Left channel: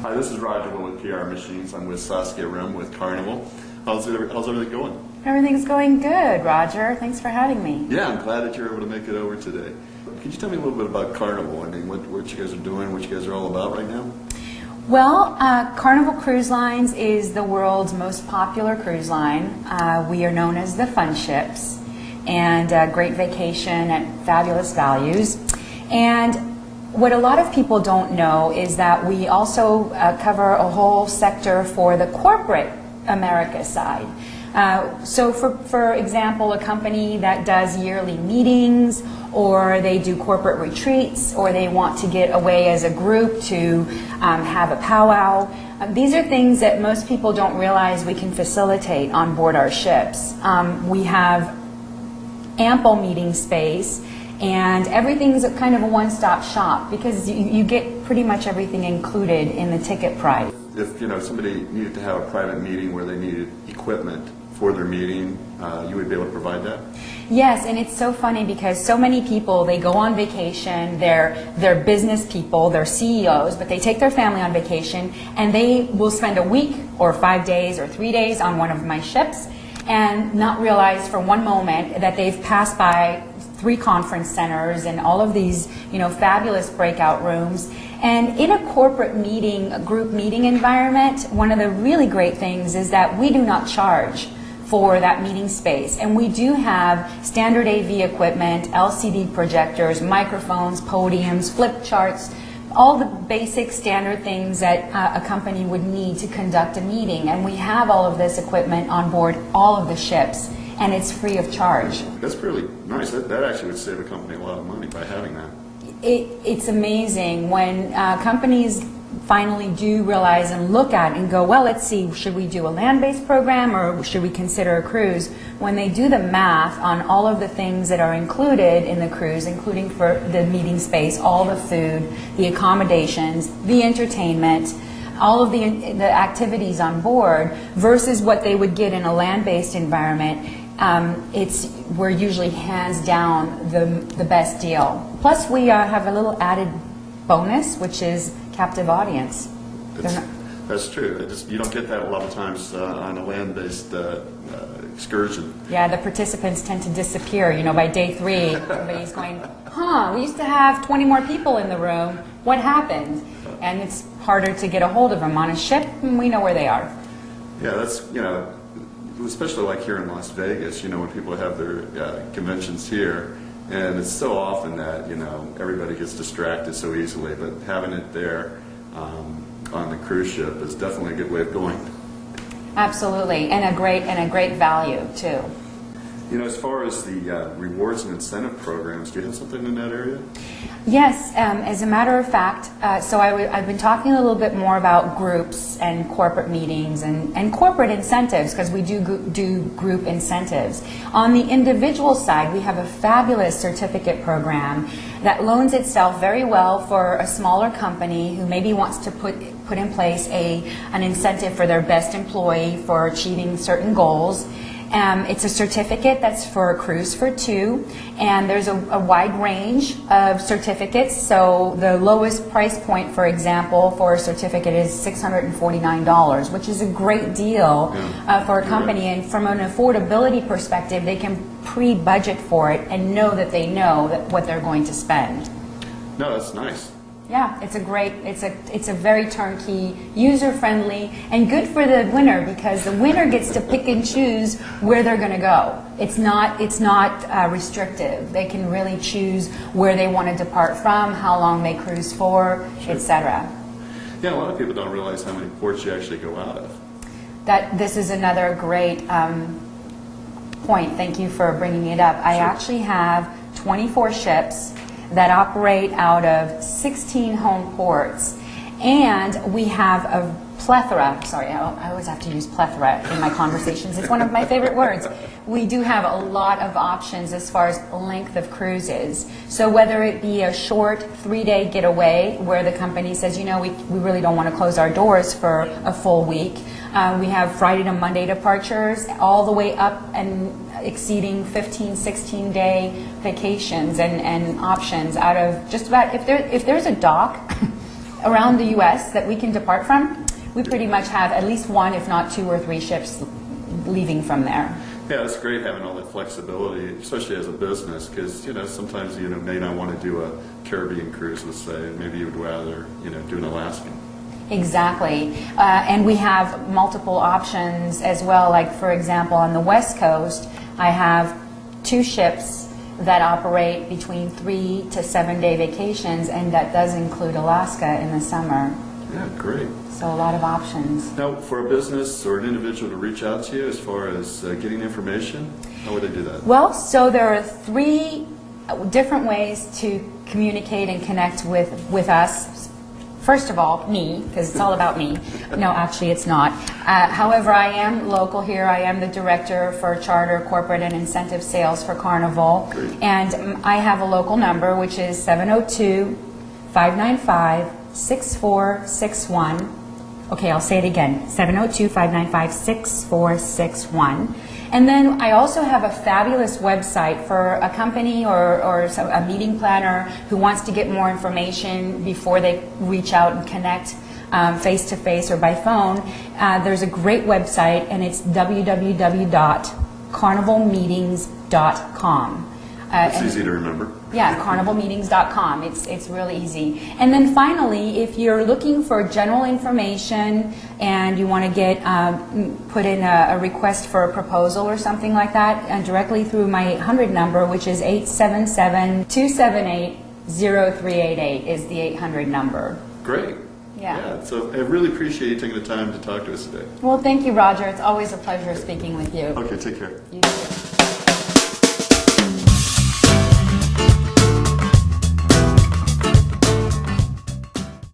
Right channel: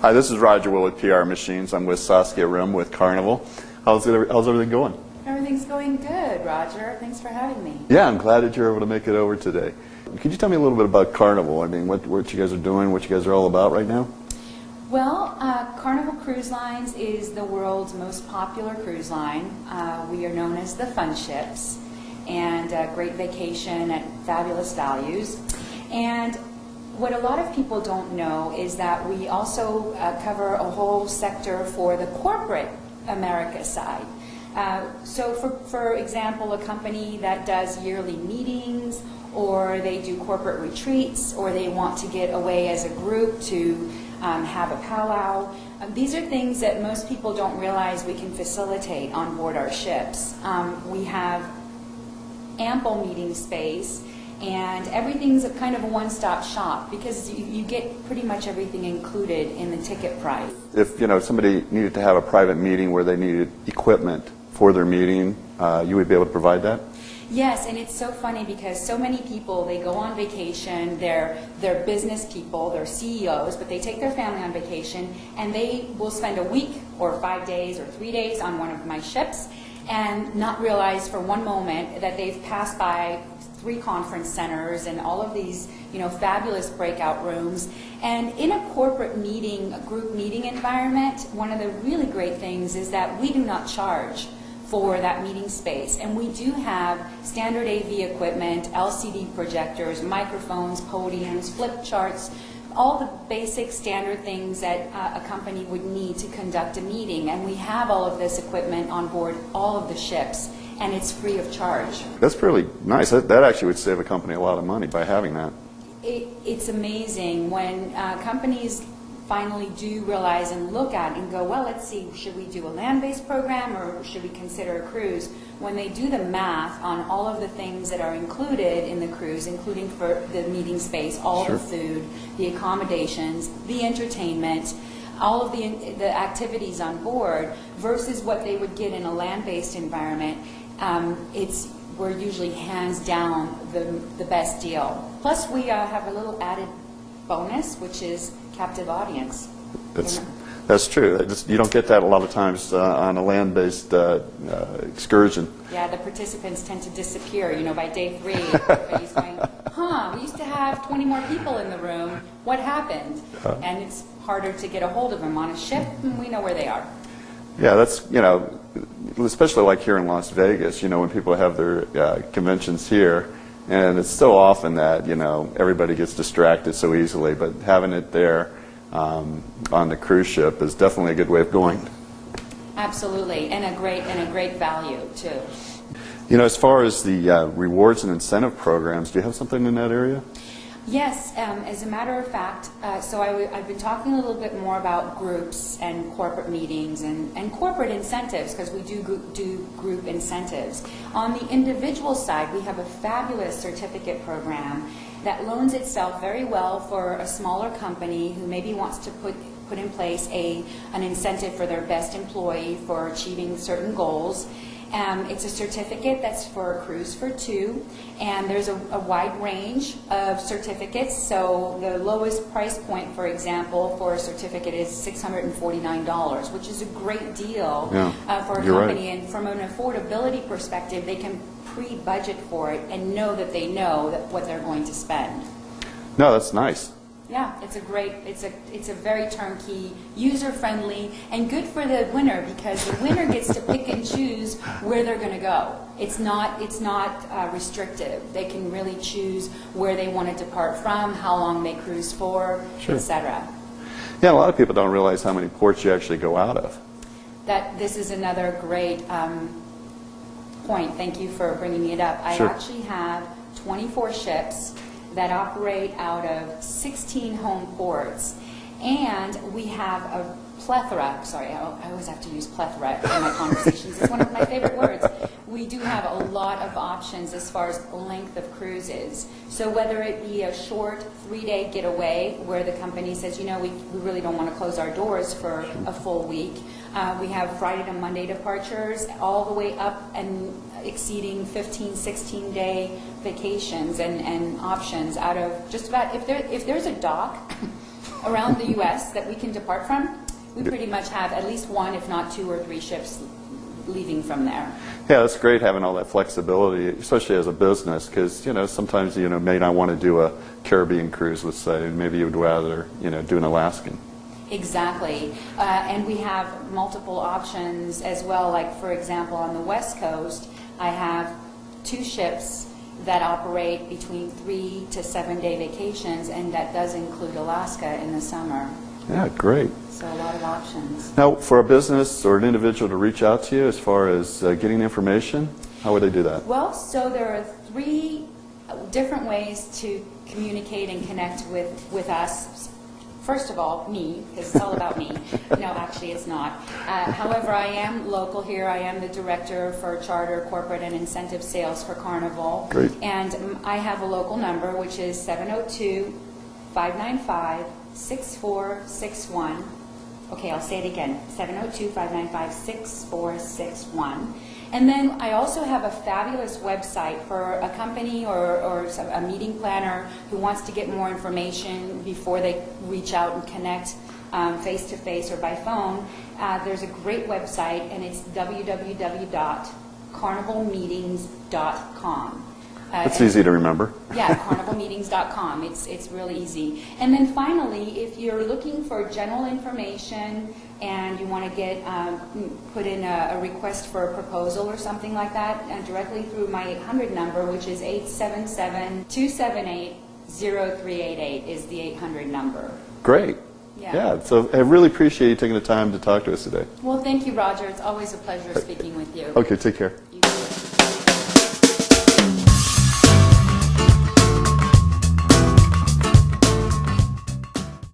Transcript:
Hi, this is Roger Will with PR Machines. I'm with SRehm with Carnival. How's everything going? Everything's going good, Roger. Thanks for having me. Yeah, I'm glad that you're able to make it over today. Could you tell me a little bit about Carnival? I mean, what you guys are doing, what you guys are all about right now? Well, Carnival Cruise Lines is the world's most popular cruise line. We are known as the Fun Ships, and great vacation at fabulous values. And what a lot of people don't know is that we also cover a whole sector for the corporate America side. So for example, a company that does yearly meetings, or they do corporate retreats, or they want to get away as a group to have a powwow. These are things that most people don't realize we can facilitate on board our ships. We have ample meeting space, and everything's kind of a one-stop shop because you get pretty much everything included in the ticket price. If somebody needed to have a private meeting where they needed equipment for their meeting, you would be able to provide that? Yes, and it's so funny because so many people, they go on vacation, they're business people, they're CEOs, but they take their family on vacation and they will spend a week or 5 days or 3 days on one of my ships and not realize for one moment that they've passed by 3 conference centers and all of these, fabulous breakout rooms. And in a corporate meeting, a group meeting environment, one of the really great things is that we do not charge for that meeting space. And we do have standard AV equipment, LCD projectors, microphones, podiums, flip charts, all the basic standard things that a company would need to conduct a meeting. And we have all of this equipment on board all of the ships, and it's free of charge. That's really nice. That actually would save a company a lot of money by having that. It's amazing when companies finally do realize and look at and go, well, let's see, should we do a land-based program or should we consider a cruise? When they do the math on all of the things that are included in the cruise, including for the meeting space, all the food, the accommodations, the entertainment, all of the activities on board versus what they would get in a land-based environment, we're usually hands down the best deal. Plus we have a little added bonus, which is captive audience. That's true. You don't get that a lot of times on a land-based excursion. Yeah, the participants tend to disappear. By day 3, everybody's going, we used to have 20 more people in the room. What happened? And it's harder to get a hold of them. On a ship, we know where they are. Yeah, that's, especially like here in Las Vegas, when people have their conventions here, and it's so often that, everybody gets distracted so easily, but having it there on the cruise ship is definitely a good way of going. Absolutely, and a great value, too. As far as the rewards and incentive programs, do you have something in that area? Yes, as a matter of fact, so I've been talking a little bit more about groups and corporate meetings and corporate incentives, because we do group incentives. On the individual side, we have a fabulous certificate program that loans itself very well for a smaller company who maybe wants to put in place an incentive for their best employee for achieving certain goals. It's a certificate that's for a cruise for 2, and there's a wide range of certificates. So the lowest price point, for example, for a certificate is $649, which is a great deal for a company. Right. And from an affordability perspective, they can pre-budget for it and know that they know what they're going to spend. No, that's nice. Yeah, it's a very turnkey, user-friendly, and good for the winner because the winner gets to pick and choose where they're going to go. It's not restrictive. They can really choose where they want to depart from, how long they cruise for, etc. Yeah, a lot of people don't realize how many ports you actually go out of. This is another great point. Thank you for bringing it up. I actually have 24 ships that operate out of 16 home ports, and we have a plethora, sorry, I always have to use plethora in my conversations, it's one of my favorite words. We do have a lot of options as far as length of cruises. So whether it be a short 3-day getaway where the company says, we really don't want to close our doors for a full week. We have Friday to Monday departures all the way up and exceeding 15, 16-day vacations and options out of just about, if there's a dock around the U.S. that we can depart from. We pretty much have at least one, if not 2 or 3 ships leaving from there. Yeah, it's great having all that flexibility, especially as a business, because sometimes you may not want to do a Caribbean cruise, let's say, and maybe you would rather do an Alaskan. Exactly. And we have multiple options as well. Like, for example, on the West Coast, I have 2 ships that operate between 3 to 7 day vacations, and that does include Alaska in the summer. Yeah, great. So a lot of options. Now, for a business or an individual to reach out to you as far as getting information, how would they do that? Well, so there are 3 different ways to communicate and connect with us. First of all, me, because it's all about me. No, actually it's not. However, I am local here. I am the director for charter, corporate, and incentive sales for Carnival. Great. And I have a local number, which is 702-595-6461. Okay, I'll say it again, 702-595-6461. And then I also have a fabulous website for a company or a meeting planner who wants to get more information before they reach out and connect face-to-face or by phone. There's a great website, and it's www.carnivalmeetings.com. It's easy to remember. Yeah, carnivalmeetings.com. It's really easy. And then finally, if you're looking for general information and you want to get put in a request for a proposal or something like that, directly through my 800 number, which is 877-278-0388 is the 800 number. Great. Yeah. So I really appreciate you taking the time to talk to us today. Well, thank you, Roger. It's always a pleasure speaking with you. Okay, take care. You too.